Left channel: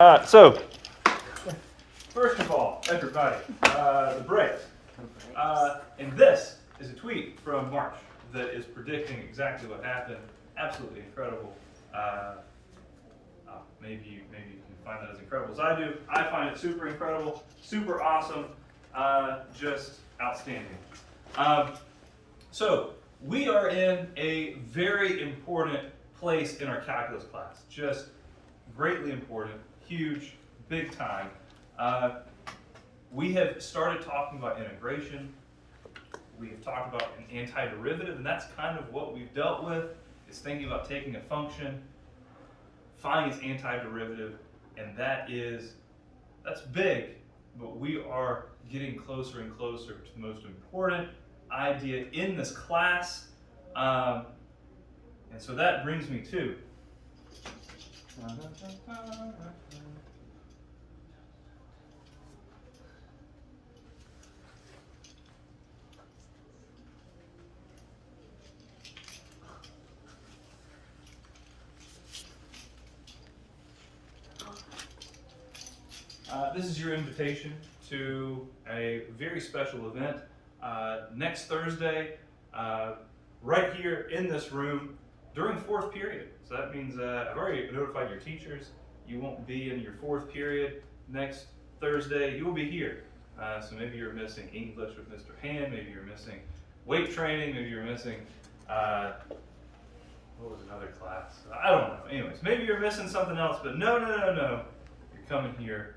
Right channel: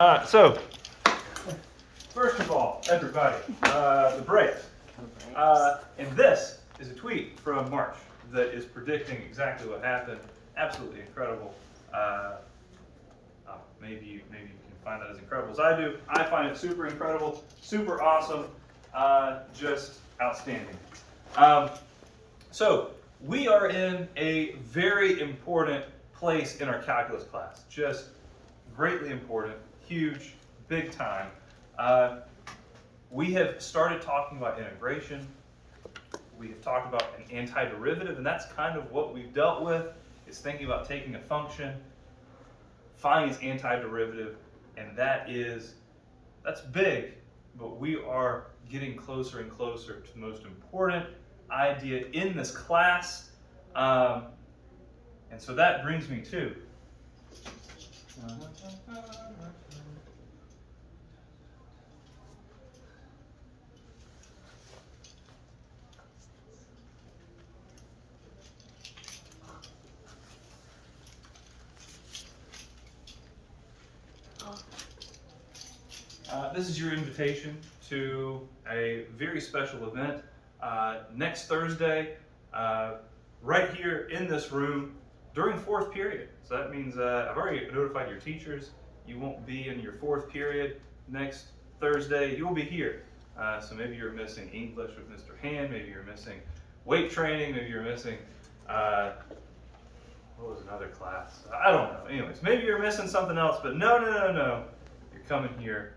So first of all, everybody, the brakes. And this is a tweet from March that is predicting exactly what happened. Absolutely incredible. Maybe you can find that as incredible as I do. I find it super incredible, super awesome, just outstanding. So we are in a very important place in our calculus class. Just greatly important, huge, big time. We have started talking about integration. We've talked about an antiderivative, and that's kind of what we've dealt with, is thinking about taking a function, finding its antiderivative, and that's big, but we are getting closer and closer to the most important idea in this class. And so that brings me to this is your invitation to a very special event next Thursday, right here in this room during fourth period. So that means I've already notified your teachers. You won't be in your fourth period next Thursday. You will be here. So maybe you're missing English with Mr. Hand. Maybe you're missing weight training. Maybe you're missing what was another class? I don't know. Anyways, maybe you're missing something else. But no. You're coming here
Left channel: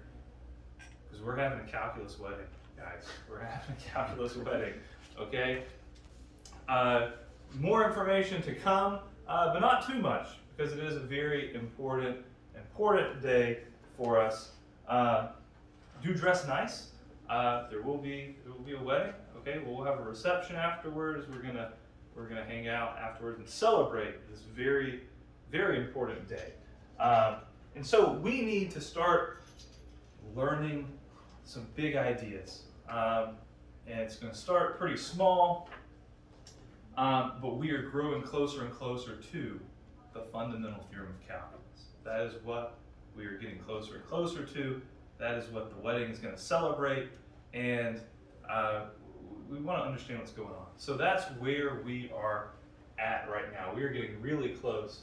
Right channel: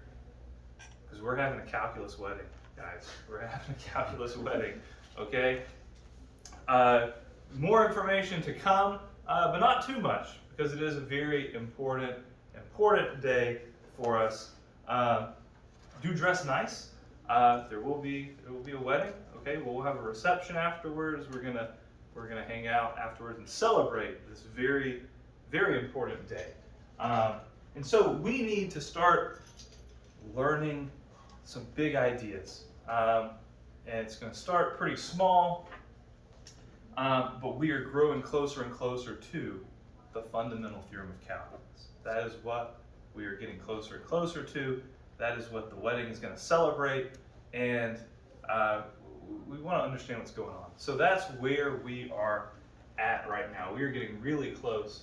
because we're having a calculus wedding, guys. We're having a calculus wedding. Okay. More information to come, but not too much, because it is a very important day for us. Do dress nice. There will be a wedding. Okay, we'll have a reception afterwards. We're gonna hang out afterwards and celebrate this very, very important day. And so we need to start learning some big ideas, and it's going to start pretty small. But we are growing closer and closer to the fundamental theorem of calculus. That is what we are getting closer and closer to. That is what the wedding is going to celebrate, and we want to understand what's going on. So that's where we are at right now. We are getting really close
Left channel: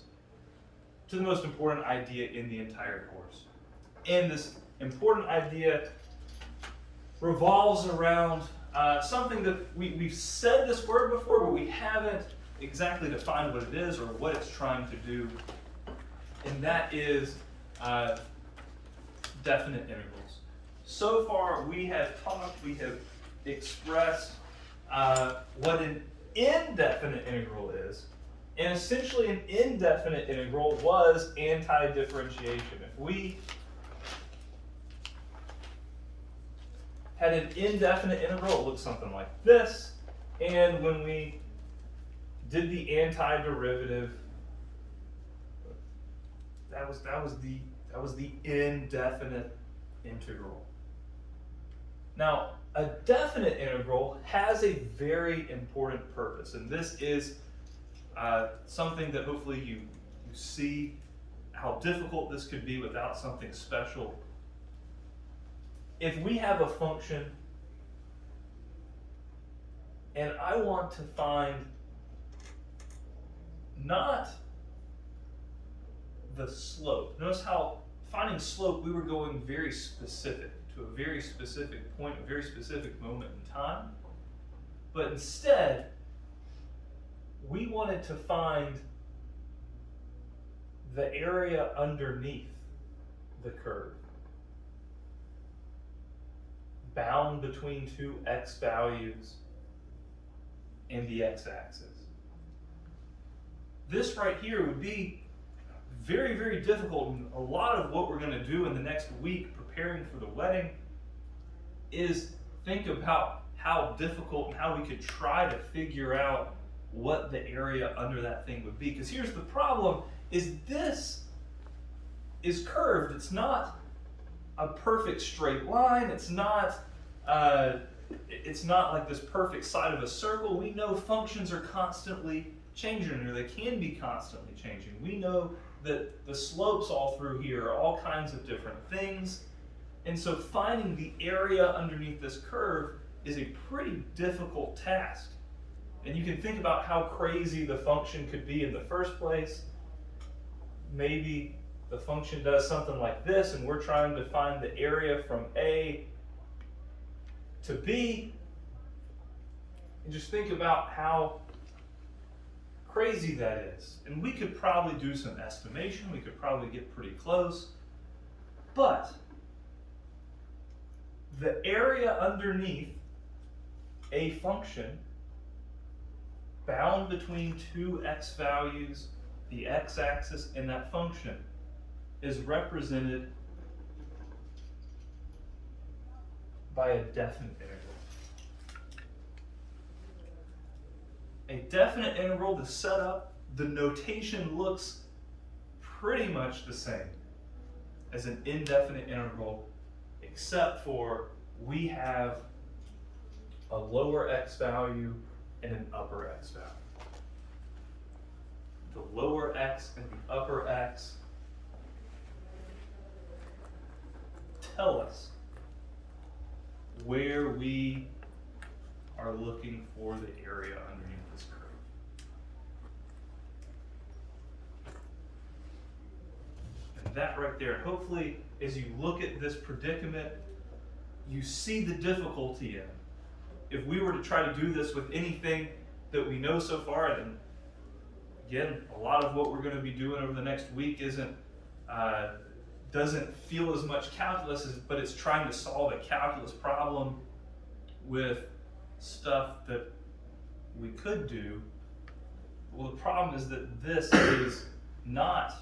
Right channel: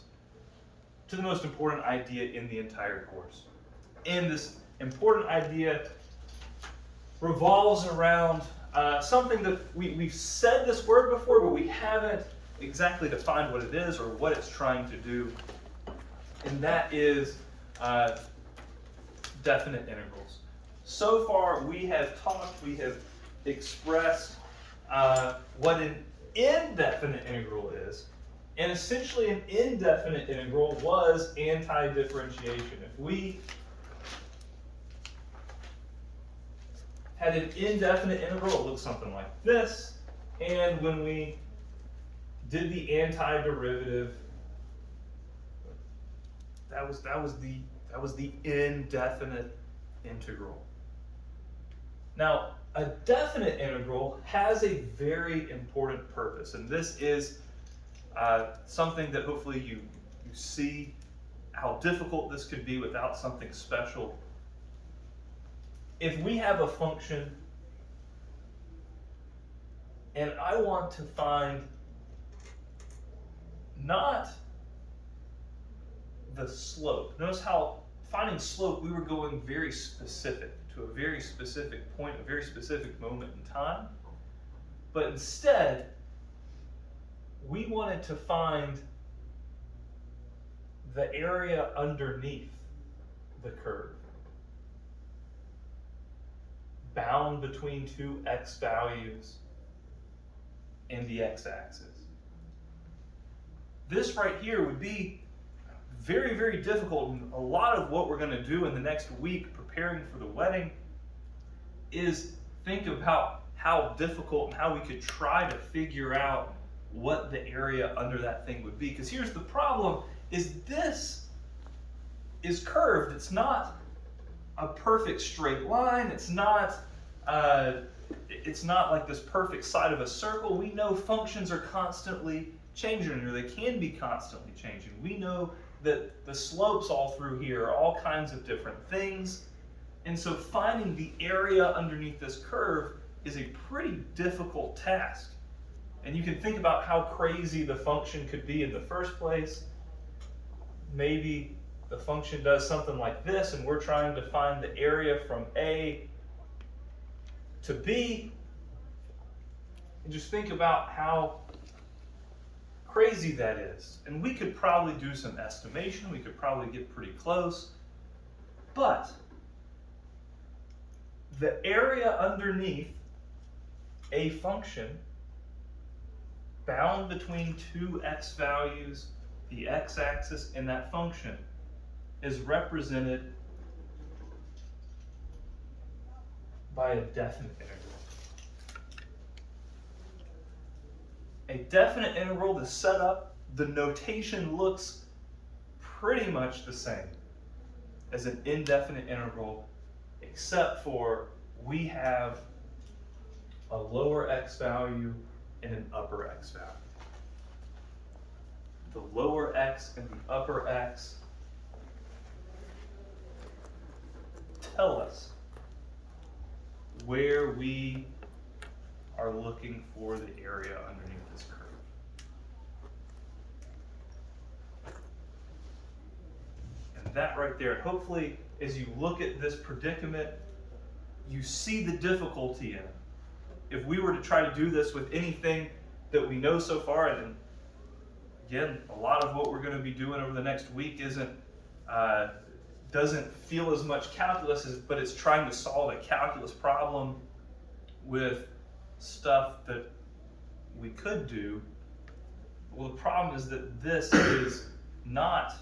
to the most important idea in the entire course. And this important idea revolves around something that we've said this word before, but we haven't exactly defined what it is or what it's trying to do. And that is definite integrals. So far we have expressed what an indefinite integral is. And essentially an indefinite integral was anti-differentiation. If we had an indefinite integral, it looks something like this. And when we did the antiderivative, that was the indefinite integral. Now, a definite integral has a very important purpose, and this is something that hopefully you see how difficult this could be without something special. If we have a function and I want to find not the slope. Notice how finding slope, we were going very specific to a very specific point, a very specific moment in time. But instead, we wanted to find the area underneath the curve, bound between two x values and the x-axis. This right here would be very, very difficult, and a lot of what we're going to do in the next week preparing for the wedding is think about how difficult and how we could try to figure out what the area under that thing would be. Because here's the problem, is this is curved. It's not a perfect straight line. It's not like this perfect side of a circle. We know functions are constantly changing, or they can be constantly changing. We know the slopes all through here are all kinds of different things. And so finding the area underneath this curve is a pretty difficult task. And you can think about how crazy the function could be in the first place. Maybe the function does something like this, and we're trying to find the area from A to B. And just think about how crazy that is. And we could probably do some estimation. We could probably get pretty close. But the area underneath a function bound between two x values, the x-axis and that function, is represented by a definite integral. A definite integral to set up, the notation looks pretty much the same as an indefinite integral, except for we have a lower x value and an upper x value. The lower x and the upper x tell us where we are looking for the area underneath this curve. And that right there, hopefully as you look at this predicament, you see the difficulty in it. If we were to try to do this with anything that we know so far, and again, a lot of what we're going to be doing over the next week doesn't feel as much calculus, but it's trying to solve a calculus problem with stuff that we could do. Well, the problem is that this is not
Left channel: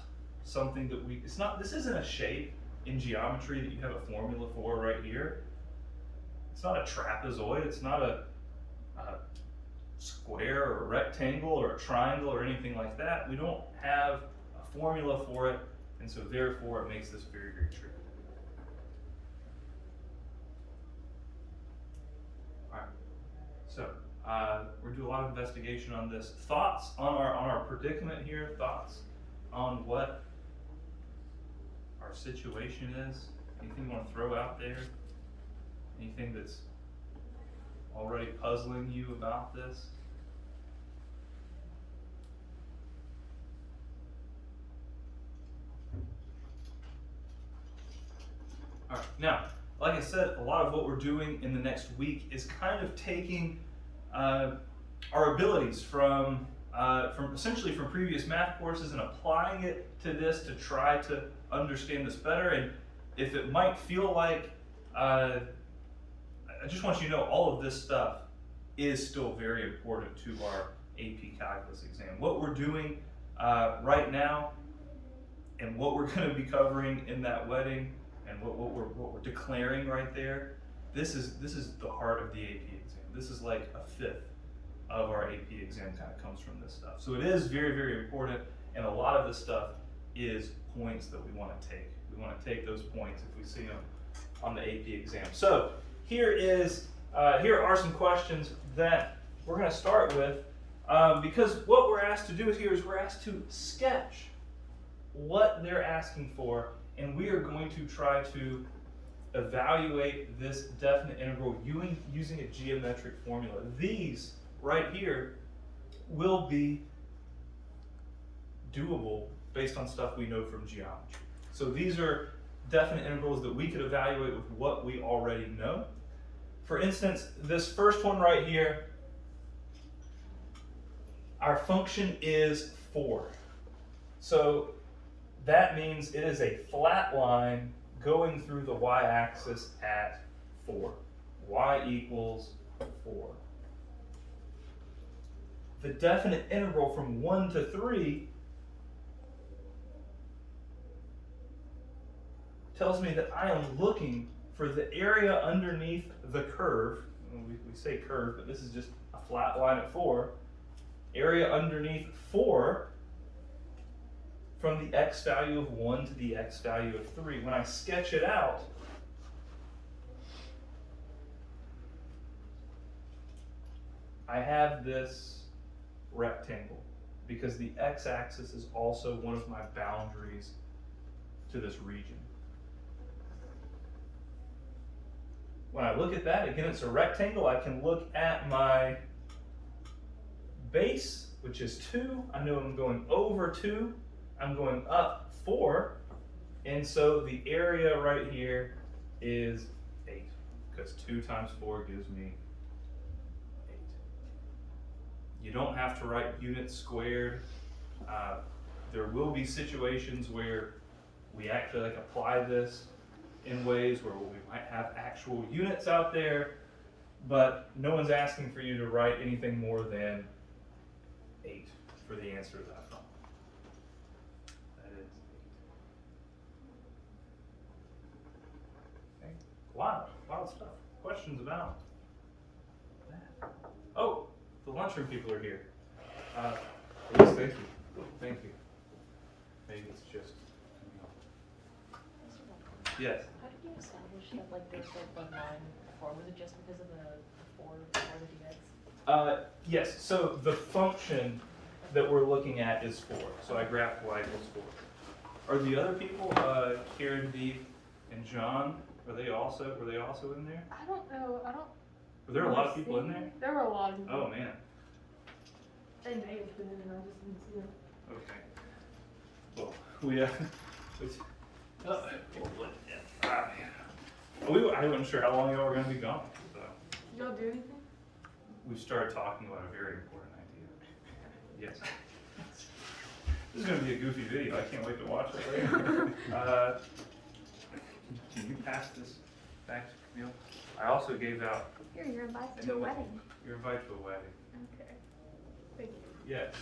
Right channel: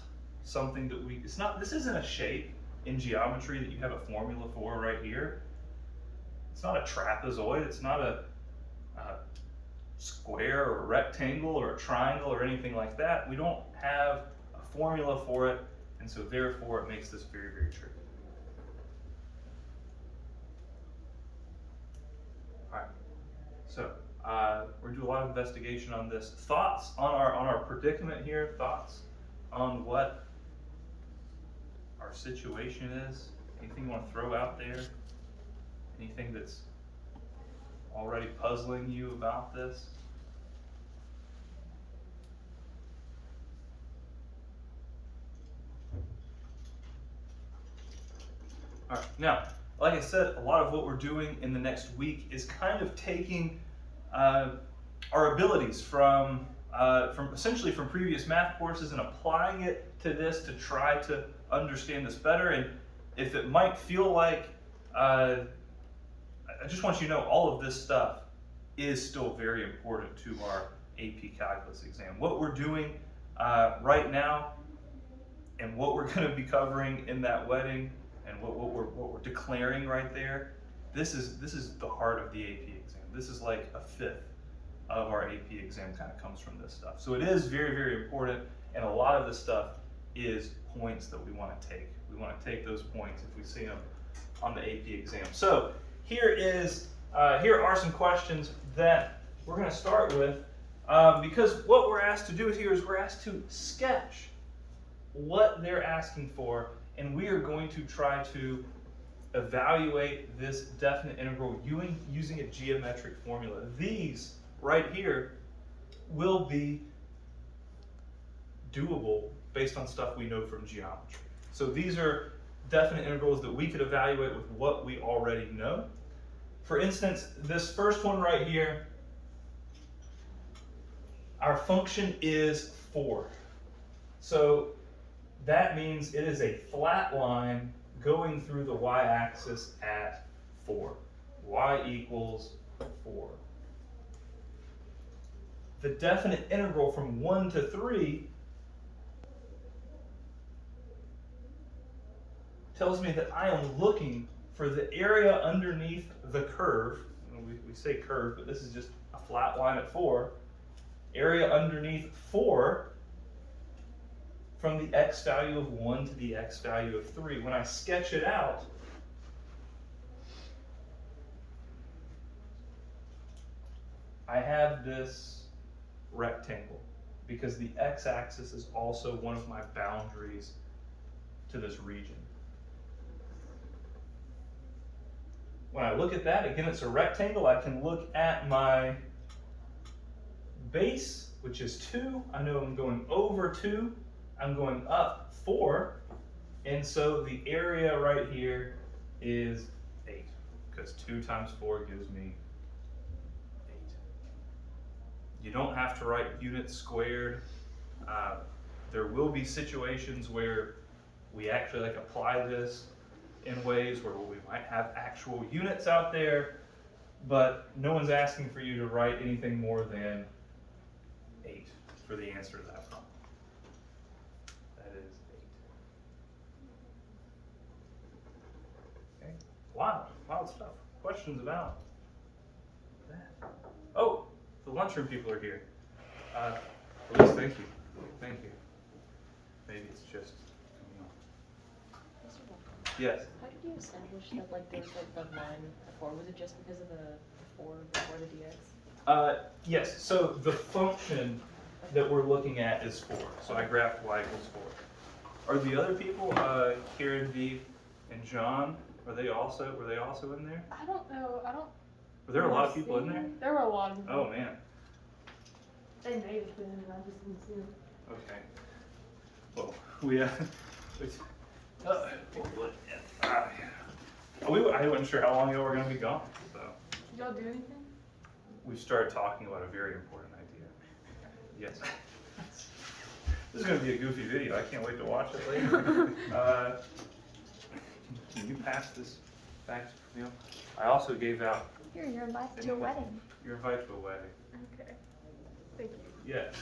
something that this isn't a shape in geometry that you have a formula for right here. It's not a trapezoid, it's not a square or a rectangle or a triangle or anything like that. We don't have a formula for it, and so therefore it makes this very, very tricky. All right, so we're gonna do a lot of investigation on this. Thoughts on our predicament here? Thoughts on what our situation is? Anything you want to throw out there? Anything that's already puzzling you about this? All right, now, like I said, a lot of what we're doing in the next week is kind of taking our abilities from essentially from previous math courses and applying it to this to try to understand this better. And if it might feel like I just want you to know all of this stuff is still very important to our AP Calculus exam. What we're doing right now and what we're going to be covering in that wedding and what we're declaring right there, this is the heart of the AP exam. This is like a fifth of our AP exam kind of comes from this stuff. So it is very, very important, and a lot of this stuff is points that we want to take. We want to take those points if we see them on the AP exam. So here are some questions that we're going to start with, because what we're asked to do here is we're asked to sketch what they're asking for, and we are going to try to evaluate this definite integral using a geometric formula. These right here will be doable based on stuff we know from geometry. So these are definite integrals that we could evaluate with what we already know. For instance, this first one right here, our function is 4. So that means it is a flat line going through the y-axis at 4. Y equals 4. The definite integral from 1 to 3 tells me that I am looking for the area underneath the curve. We say curve, but this is just a flat line at 4. Area underneath 4 from the x value of 1 to the x value of 3. When I sketch it out, I have this rectangle. because the x-axis is also one of my boundaries to this region. When I look at that, again, it's a rectangle. I can look at my base, which is 2. I know I'm going over 2. I'm going up 4. And so the area right here is 8, because 2 times 4 gives me 8. You don't have to write units squared. There will be situations where we actually apply this in ways where we might have actual units out there, but no one's asking for you to write anything more than 8 for the answer to that problem. That is 8. Okay, wild stuff. Questions about that? Oh, the lunchroom people are here. Louise, thank you. Thank you. Maybe it's just, I don't know. Yes? How did you establish that there's the line before? Was it just because of the 4 before the dx? Yes, so the function that we're looking at is 4. So I graphed y equals 4. Are the other people, Karen, Dee, and John, were they also in there? I don't know. Were there a lot of people in there? There were a lot of people. Oh man. They may have been, and I just didn't see them. Okay. Well, we I wasn't sure how long y'all were going to be gone, so Did y'all do anything? we started talking about a very important idea. Yes. This is going to be a goofy video. I can't wait to watch it later. Can you pass this back to you? I also gave out. Here, you're invited to a wedding. You're invited to a wedding. Okay. Thank you. Yes.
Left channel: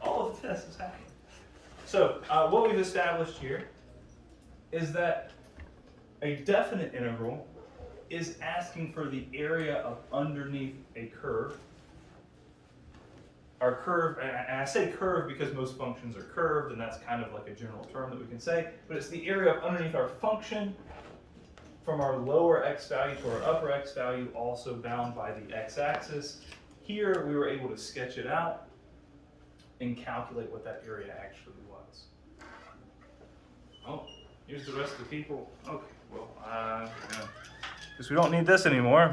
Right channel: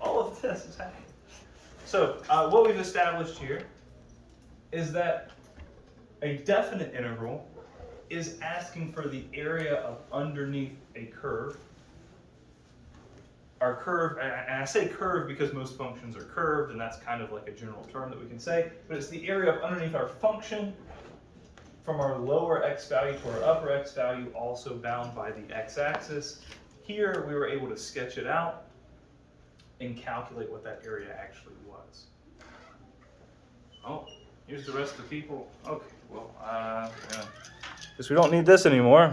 All of this is happening. So what we've established here is that a definite integral is asking for the area of underneath a curve. Our curve, and I say curve because most functions are curved, and that's kind of like a general term that we can say, but it's the area of underneath our function from our lower x value to our upper x value, also bound by the x-axis. Here we were able to sketch it out and calculate what that area actually was. Oh, here's the rest of the people. Okay, well, yeah. Guess we don't need this anymore.